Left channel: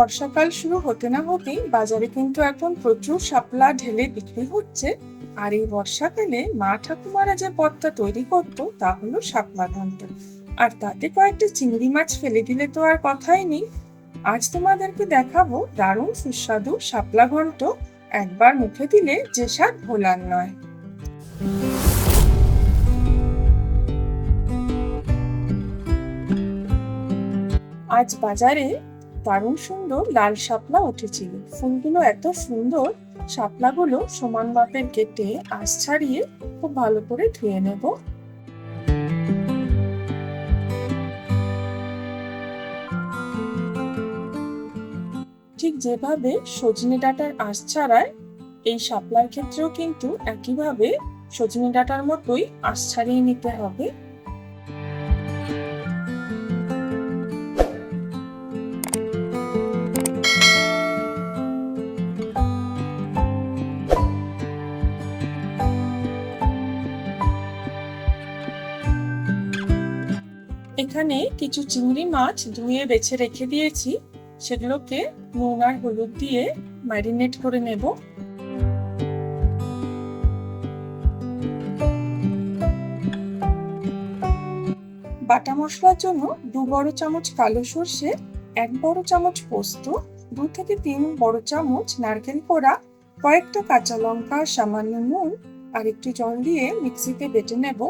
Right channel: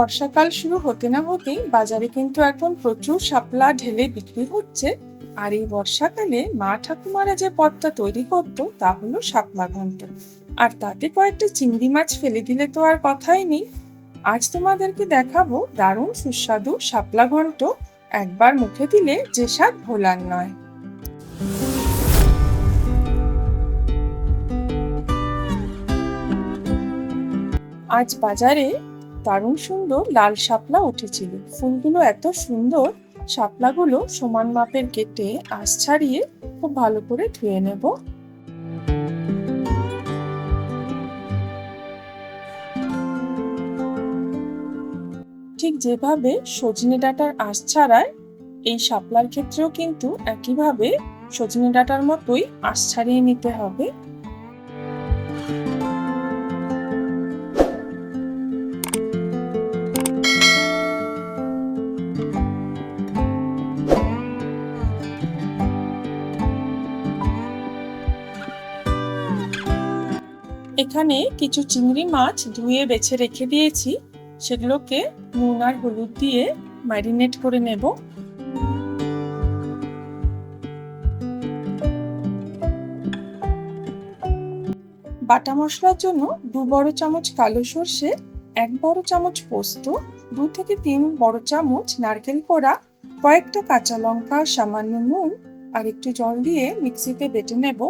বর্ষাকাল শুরু হতে না হতেই বাজারে কিন্তু এখন প্রচুর শাপলা ঢেলে বিক্রি হচ্ছে। আর এই বর্ষাকালে মা ঠাকুমারা যে পদটা তৈরি করতো তা হলো শাপলা ঘন্ট। আর তাতে কয়েকটা চিংড়ি মাছ ফেলে দিলে তো আর কথাই নেই। আজ তোমাদেরকে দেখাবো দারুণ সুস্বাদু শাপলা ঘন্ট। একবার মুখে দিলে যে স্বাদ ভোলার নয়। আজ বাজারে দারুণ সুন্দর লাল শাপলা উঠেছিল। ফুলগুলো এত সুন্দর। শাপলাগুলো সমান মাপের কেটে আঁশ ছাড়িয়ে খুব ভালো করে ধুয়ে নেব। ঠিক যেভাবে সজনে ডাঁটার আঁশ ছাড়ায়, এই শাপলার ক্ষেত্রেও কিন্তু একইভাবে সজনে ডাঁটার মতোই আঁশ ছাড়িয়ে নিতে হবে। এখানে কিছু চিংড়ি মাছ ধুয়ে বেছে রেখে দিয়েছি। সেগুলোকে নুন আর হলুদ দিয়ে ম্যারিনেট করে নেব। বাটা মশলার জন্য 2 বড় চামচ কালো সর্ষে, 1 বড় চামচ পোস্ত, 2 থেকে 3 বড় চামচ নারকেল কোড়া, কয়েকটা কাঁচা লঙ্কা, সামান্য নুন আর একটু জল দিয়ে মিক্সিতে বেটে নেব।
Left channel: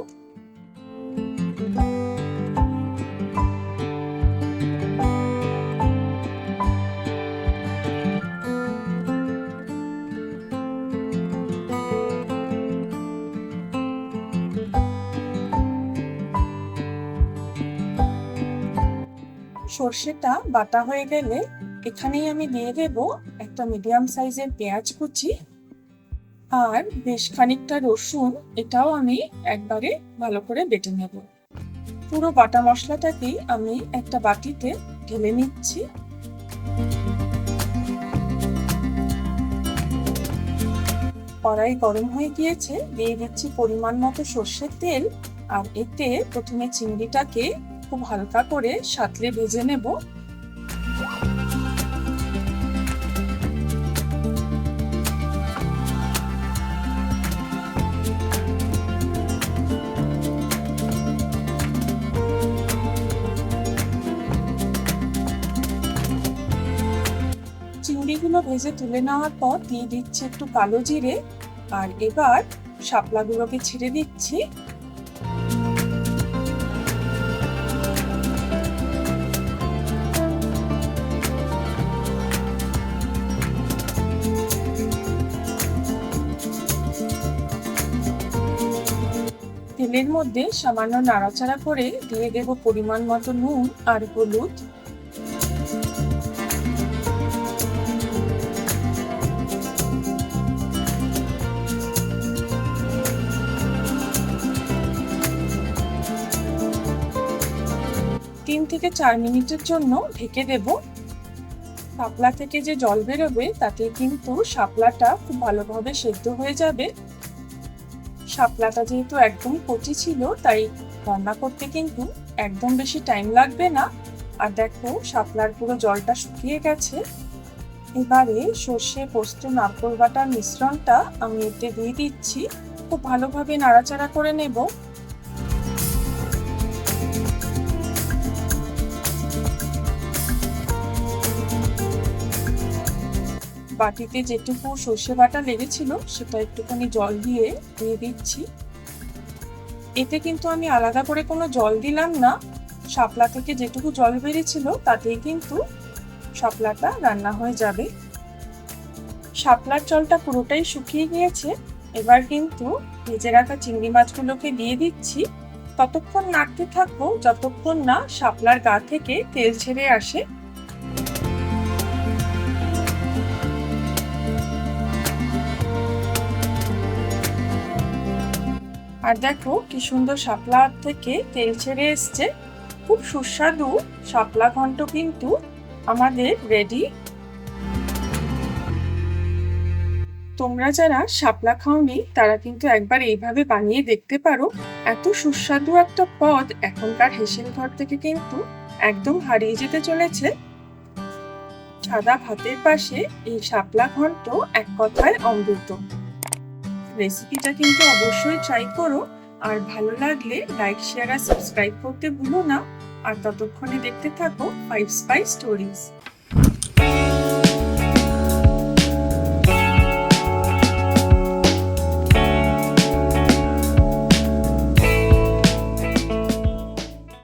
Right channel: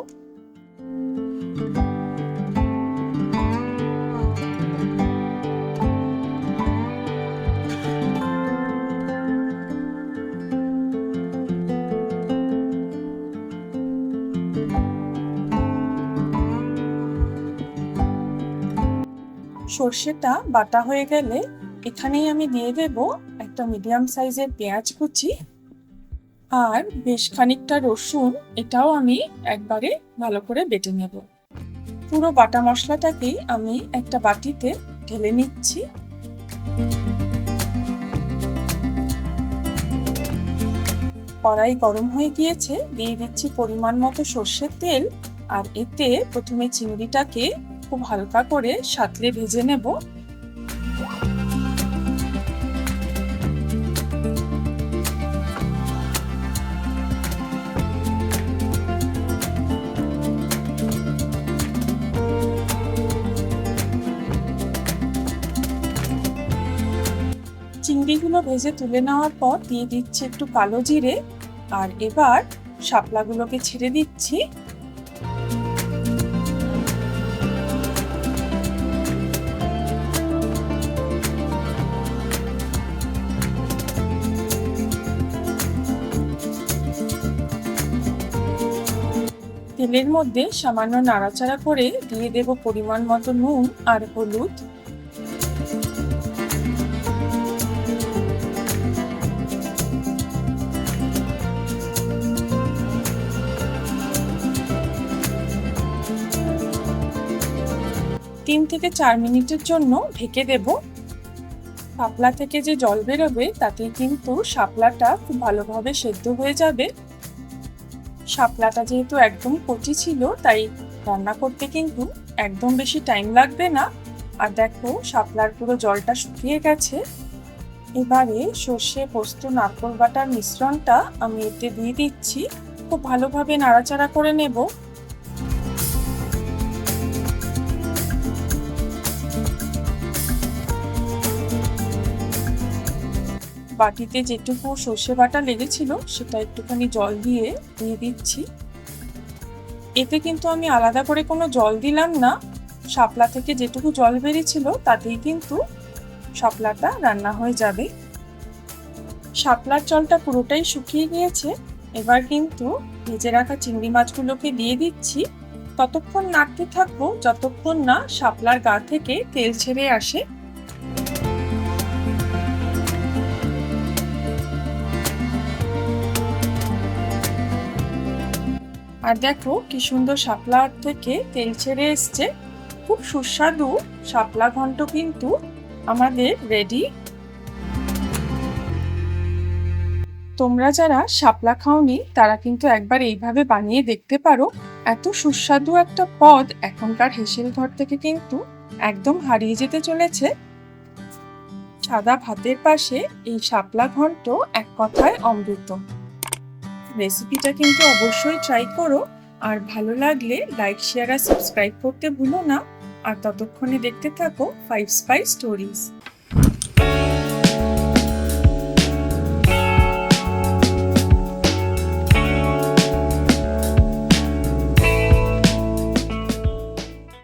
সর্ষেটা বাটা হয়ে গেলে এখানেই আমি দিয়ে দেব একটা মিডিয়াম সাইজের পেঁয়াজ কুচি আর বেশ খানিকটা রসুন। এটাও আমি একবারে ভালো করে বেটে নেব। পুরো বাটা মশলাটাকেই আমি একটা বাটিতে ঢেলে নিচ্ছি। কড়াই গরম হয়ে গিয়েছে, দিয়ে দিচ্ছি পরিমাণ মতো সর্ষের তেল। আর এতে প্রথমে চিংড়িটাকে খুব হালকা করে সাঁতলে ভেজে নেব। চিংড়িগুলো ভেজে তুলে নেওয়ার পর দিয়ে দিচ্ছি একটু কালো জিরে। আর এবার শাপলাগুলোকে ছেড়ে দিচ্ছি। তেলের মধ্যে সামান্য নাড়াচাড়া করে দিয়ে দেব পরিমাণ মতো নুন আর হলুদ। তিন থেকে 4 মিনিটের জন্য ঢেকে দেব। শাপলা থেকে যে জল বেরোবে তাতে কিন্তু শাপলাটা খুব ভালোভাবে সেদ্ধ হয়ে যাবে। শাপলাটা যেহেতু একদম কচি ছিল তাই রান্না করতে কিন্তু একদম বেশি টাইম লাগবে না। আর দেখো শাপলার পুরো জলটা শুকিয়ে গেছে। এবারে সর্ষে, পোস্ত, নারকেল বাটার মিশ্রণটা আমি এতে দিয়ে দিচ্ছি। খুব ভালোভাবে নাড়াচাড়া করে নেব। বাটিতে যেটুকু সর্ষে বাটা লেগেছিল সেটা একটুখানি জল দিয়ে দিচ্ছি। এতে কিন্তু আমি আলাদা করে কোনো জল দিলাম না। শাপলা থেকে যেটুকু জল বেরিয়েছিল তাতেই কিন্তু শাপলাটা রান্না হয়ে যাবে। শাপলার জলটা পুরোটাই শুকিয়ে গিয়েছে। এবার কিন্তু ভেজে রাখা চিংড়ি মাছগুলোকে দিয়ে দিচ্ছি। ততক্ষণ নাড়তে থাকবো যতক্ষণ না শাপলার গা থেকে তেল ছেড়ে আসে। আর দেখো কি সুন্দর শাপলা থেকে তেল ছেড়ে এসছে। খুব সুস্বাদু শাপলা ঘন্ট কিন্তু আমাদের রেডি। তোমরা যারা শাপলা খাওনি তারা কিন্তু একবার এইভাবে বানিয়ে দেখতে পারো। এত সুস্বাদু একটা পদ এখনকার হেসেল ঘর থেকে কিন্তু একদম হারিয়ে যেতে চলেছে। সাদা ভাতের পাশে এই শাপলা ঘন্ট এক কথায় অমৃত। রেসিপিটা কিন্তু অবশ্যই ট্রাই করো, আর ভালো লাগলে লাইক, শেয়ার আর সাবস্ক্রাইব করতে ভুলো না। আর ততক্ষণে দেখতে থাকো 5 স্পাইস স্টোরিজ।